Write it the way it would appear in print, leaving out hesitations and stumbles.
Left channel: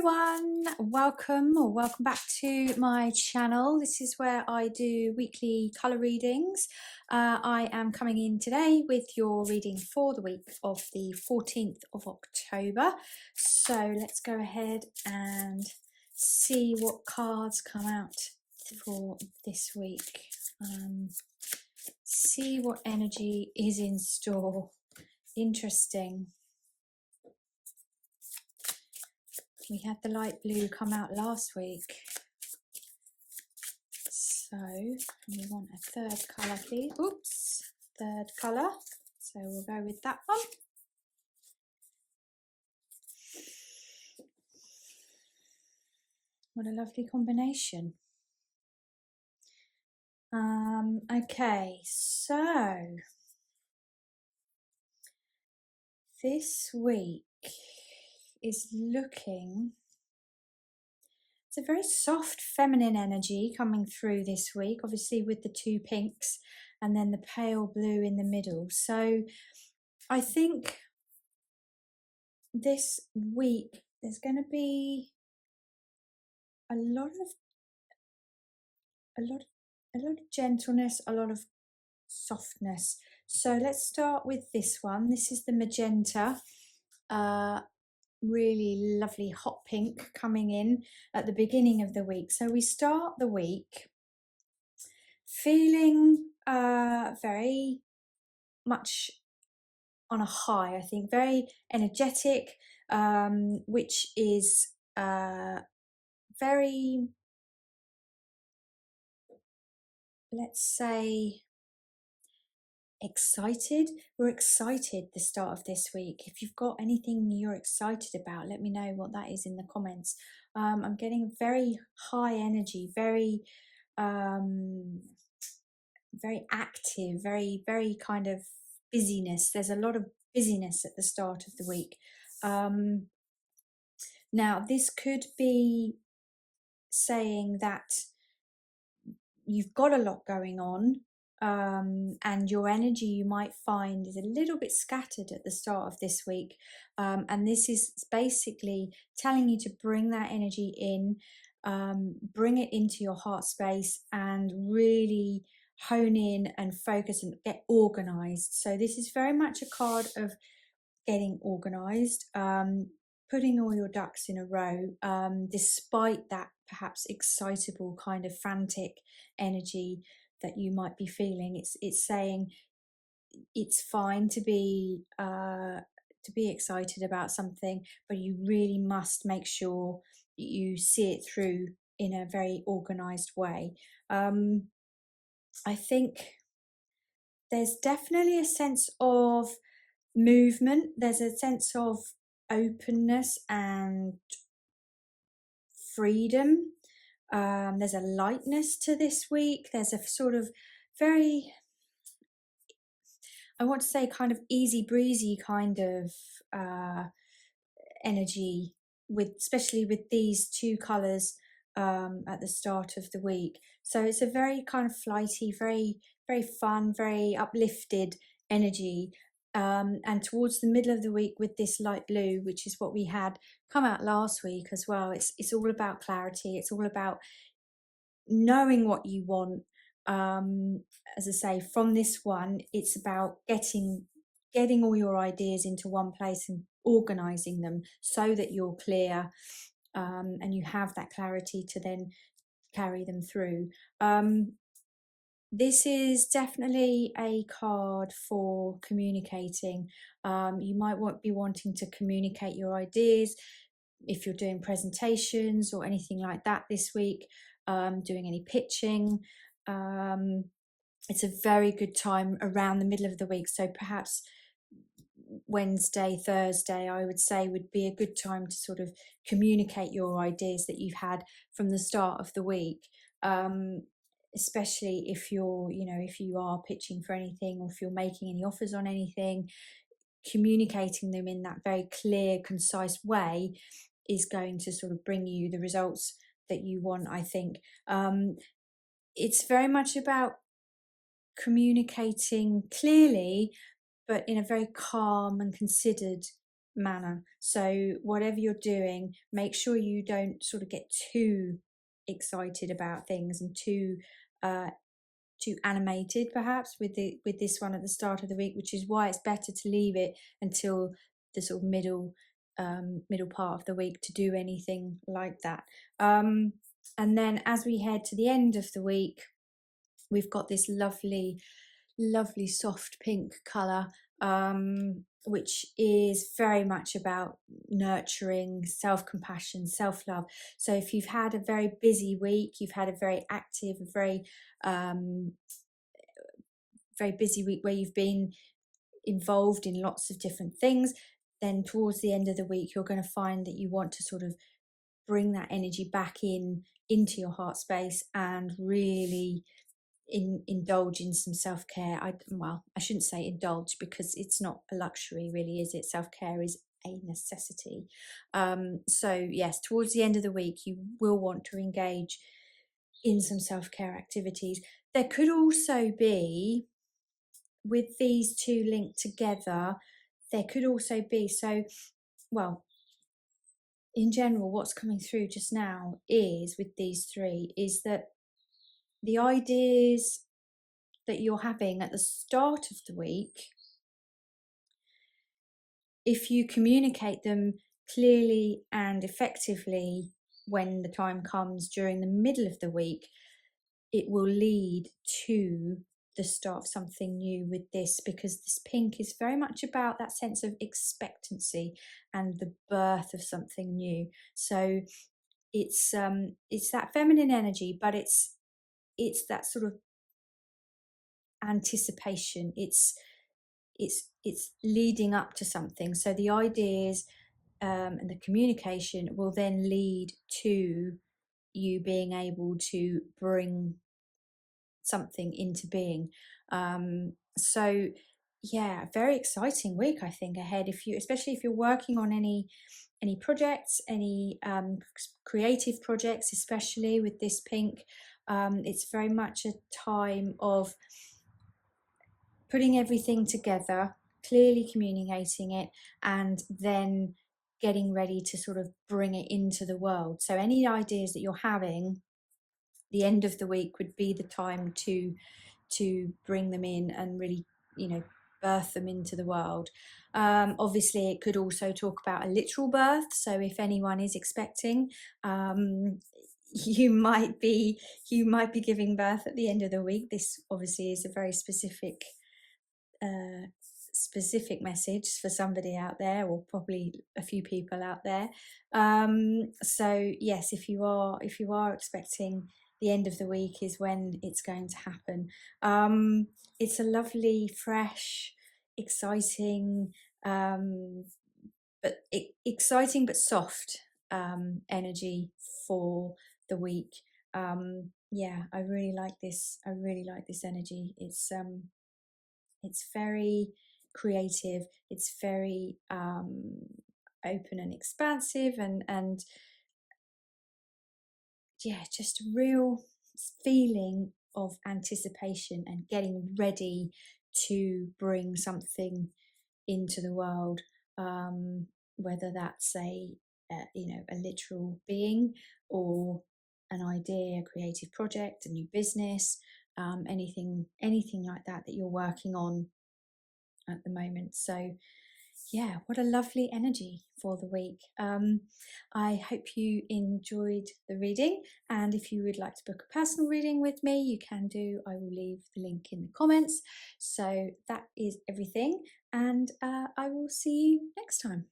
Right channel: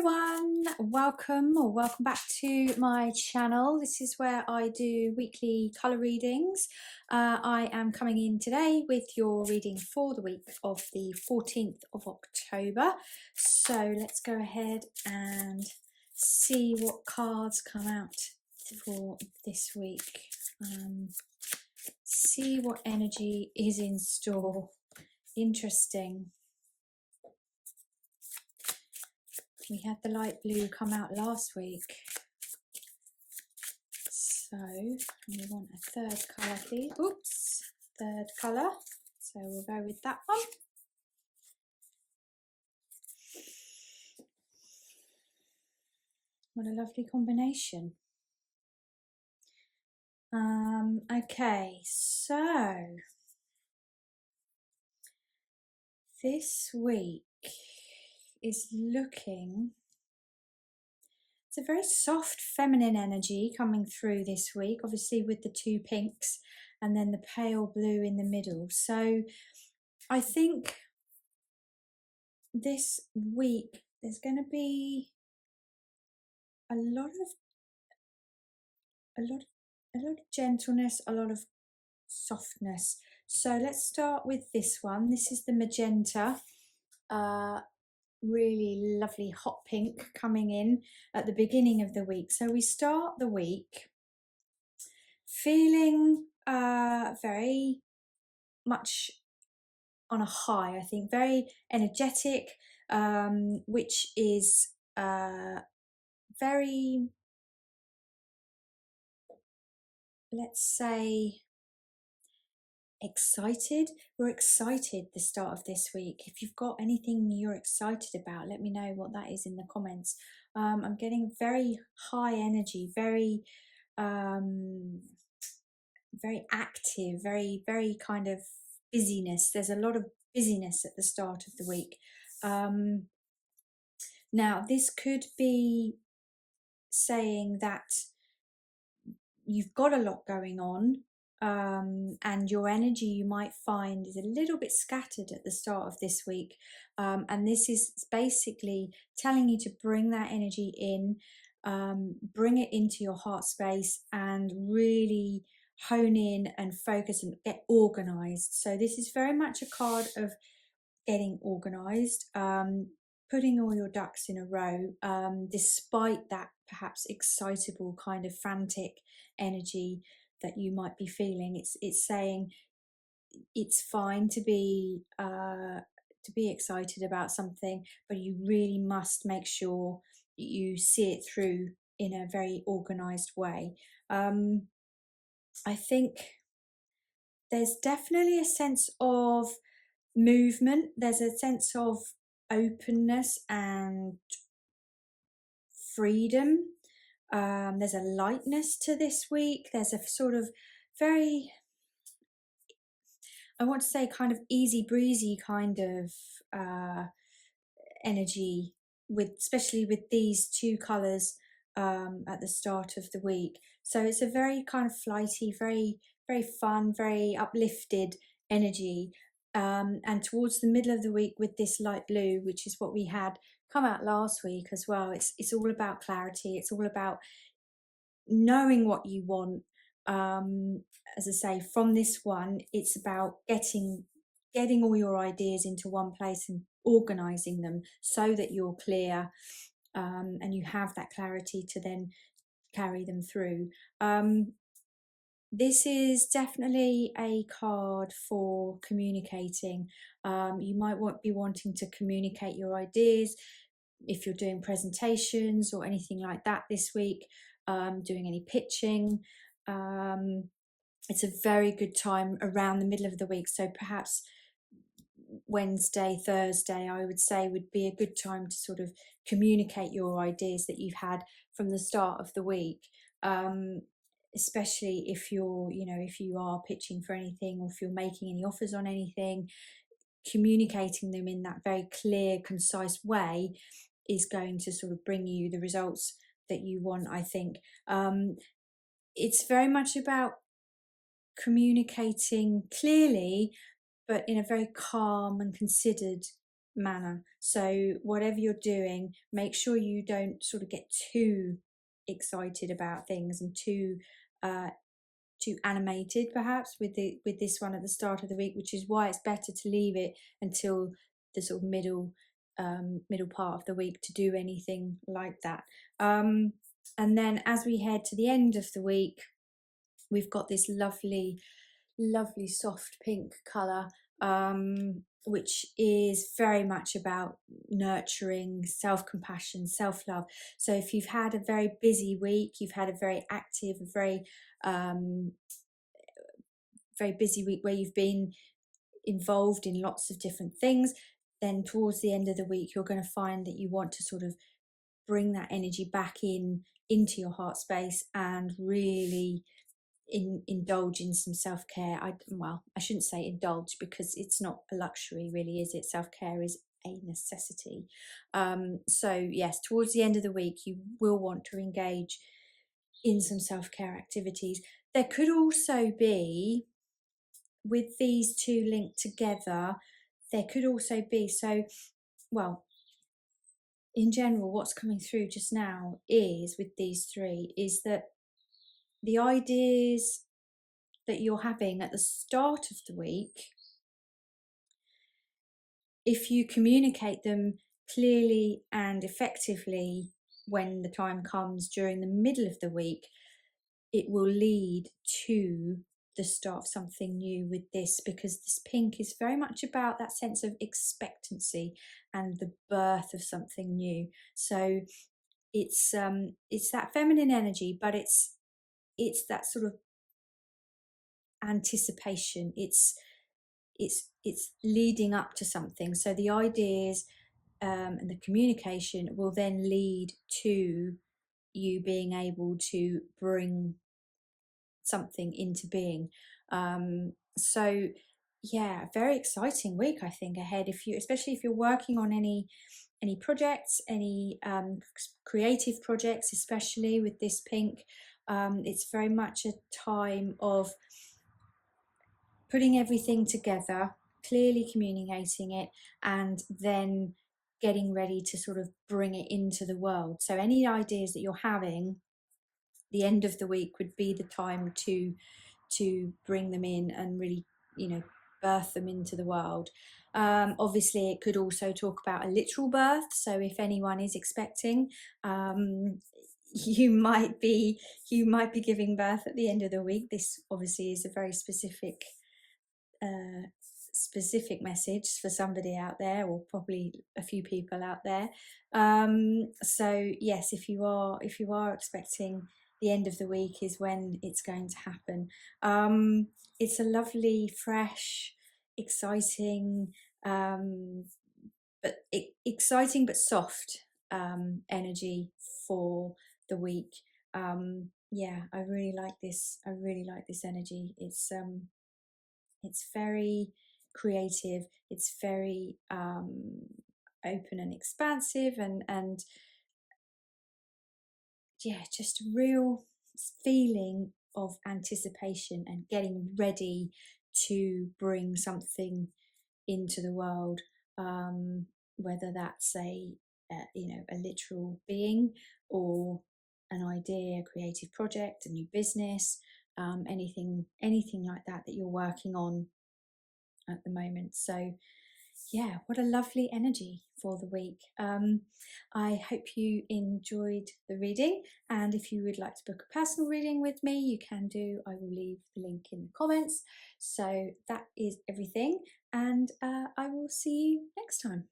everyone, welcome back to my channel. This is where I do weekly colour readings. I am coming in today with your reading for the week of the 14th of October. So let's go ahead and see what cards come out for this week. See what energy is in store. Interesting. We had the light blue come out last week. So we want a third colour, please. Oops, third colour. So we'll go with that one. What a lovely combination. Okay, so this week is looking, it's a very soft feminine energy coming through this week, obviously with the two pinks and then the pale blue in the middle. So I think this week there's going to be a lot of gentleness, a lot of softness. So let's start with this one. This is the magenta, really lovely hot pink coming in at the beginning of the week. So we start the week feeling very much on a high, I think, very energetic, which is very, let's say, excited. We're excited the start of this week. If you've got anything you're excited about, let me know what that is in the comments. I'm getting very high energy, very very active, very kind of busyness. There's a lot of busyness at the start of the week. Now this could be saying that you've got a lot going on, and your energy, you might find, is a little bit scattered at the start of this week, and this is basically telling you to bring that energy in, bring it into your heart space and really hone in and focus and get organized. So this is very much a card of getting organized, putting all your ducks in a row, despite that perhaps excitable kind of frantic energy that you might be feeling. It's saying it's fine to be excited about something, but you really must make sure you see it through in a very organized way. I think there's definitely a sense of movement. There's a sense of openness and freedom. There's a lightness to this week. There's a sort of very, I want to say, kind of easy breezy kind of energy, with especially with these two colours at the start of the week. So it's a very kind of flighty, very fun, very uplifted energy. And towards the middle of the week with this light blue, which is what we had come out last week as well, it's all about clarity. It's all about knowing what you want. As I say, from this one, it's about getting all your ideas into one place and organizing them so that you're clear, and you have that clarity to then carry them through. This is definitely a card for communicating. You might be wanting to communicate your ideas if you're doing presentations or anything like that this week, doing any pitching. It's a very good time around the middle of the week. So perhaps Wednesday, Thursday, I would say, would be a good time to sort of communicate your ideas that you've had from the start of the week. Especially if you're, if you are pitching for anything, or if you're making any offers on anything, communicating them in that very clear, concise way is going to sort of bring you the results that you want, I think. It's very much about communicating clearly, but in a very calm and considered manner. So whatever you're doing, make sure you don't sort of get too excited about things and uh, too animated perhaps with this one at the start of the week, which is why it's better to leave it until the sort of middle part of the week to do anything like that. And then as we head to the end of the week, we've got this lovely soft pink colour, which is very much about nurturing, self-compassion, self-love. So if you've had a very busy week, you've had a very active, um, very busy week where you've been involved in lots of different things, then towards the end of the week, you're going to find that you want to sort of bring that energy back into your heart space and really indulge in some self-care. I shouldn't say indulge, because it's not a luxury really, is it? Self-care is a necessity. So yes, towards the end of the week you will want to engage in some self-care activities. There could also be, with these two linked together, there could also be, so well, in general what's coming through just now is, with these three, is that the ideas that you're having at the start of the week, if you communicate them clearly and effectively when the time comes during the middle of the week, it will lead to the start of something new with this, because this pink is very much about that sense of expectancy and the birth of something new. So it's that feminine energy, but it's that sort of anticipation. It's leading up to something. So the ideas and the communication will then lead to you being able to bring something into being. So yeah, very exciting week I think ahead, if you, especially if you're working on any projects, any creative projects, especially with this pink. It's very much a time of putting everything together, clearly communicating it, and then getting ready to sort of bring it into the world. So any ideas that you're having, the end of the week would be the time to bring them in and really, birth them into the world. Obviously, it could also talk about a literal birth. So if anyone is expecting, you might be giving birth at the end of the week. This obviously is a very specific message for somebody out there, or probably a few people out there. So yes, if you are expecting, the end of the week is when it's going to happen. It's a lovely, fresh, exciting, exciting but soft energy for the week. Yeah, I really like this. I really like this energy. It's very creative. It's very open and expansive, and yeah, just a real feeling of anticipation and getting ready to bring something into the world, whether that's a literal being, or an idea, a creative project, a new business, anything like that you're working on at the moment. So yeah, what a lovely energy for the week. I hope you enjoyed the reading, and if you would like to book a personal reading with me, you can do. I will leave the link in the comments. So that is everything, and I will see you next time.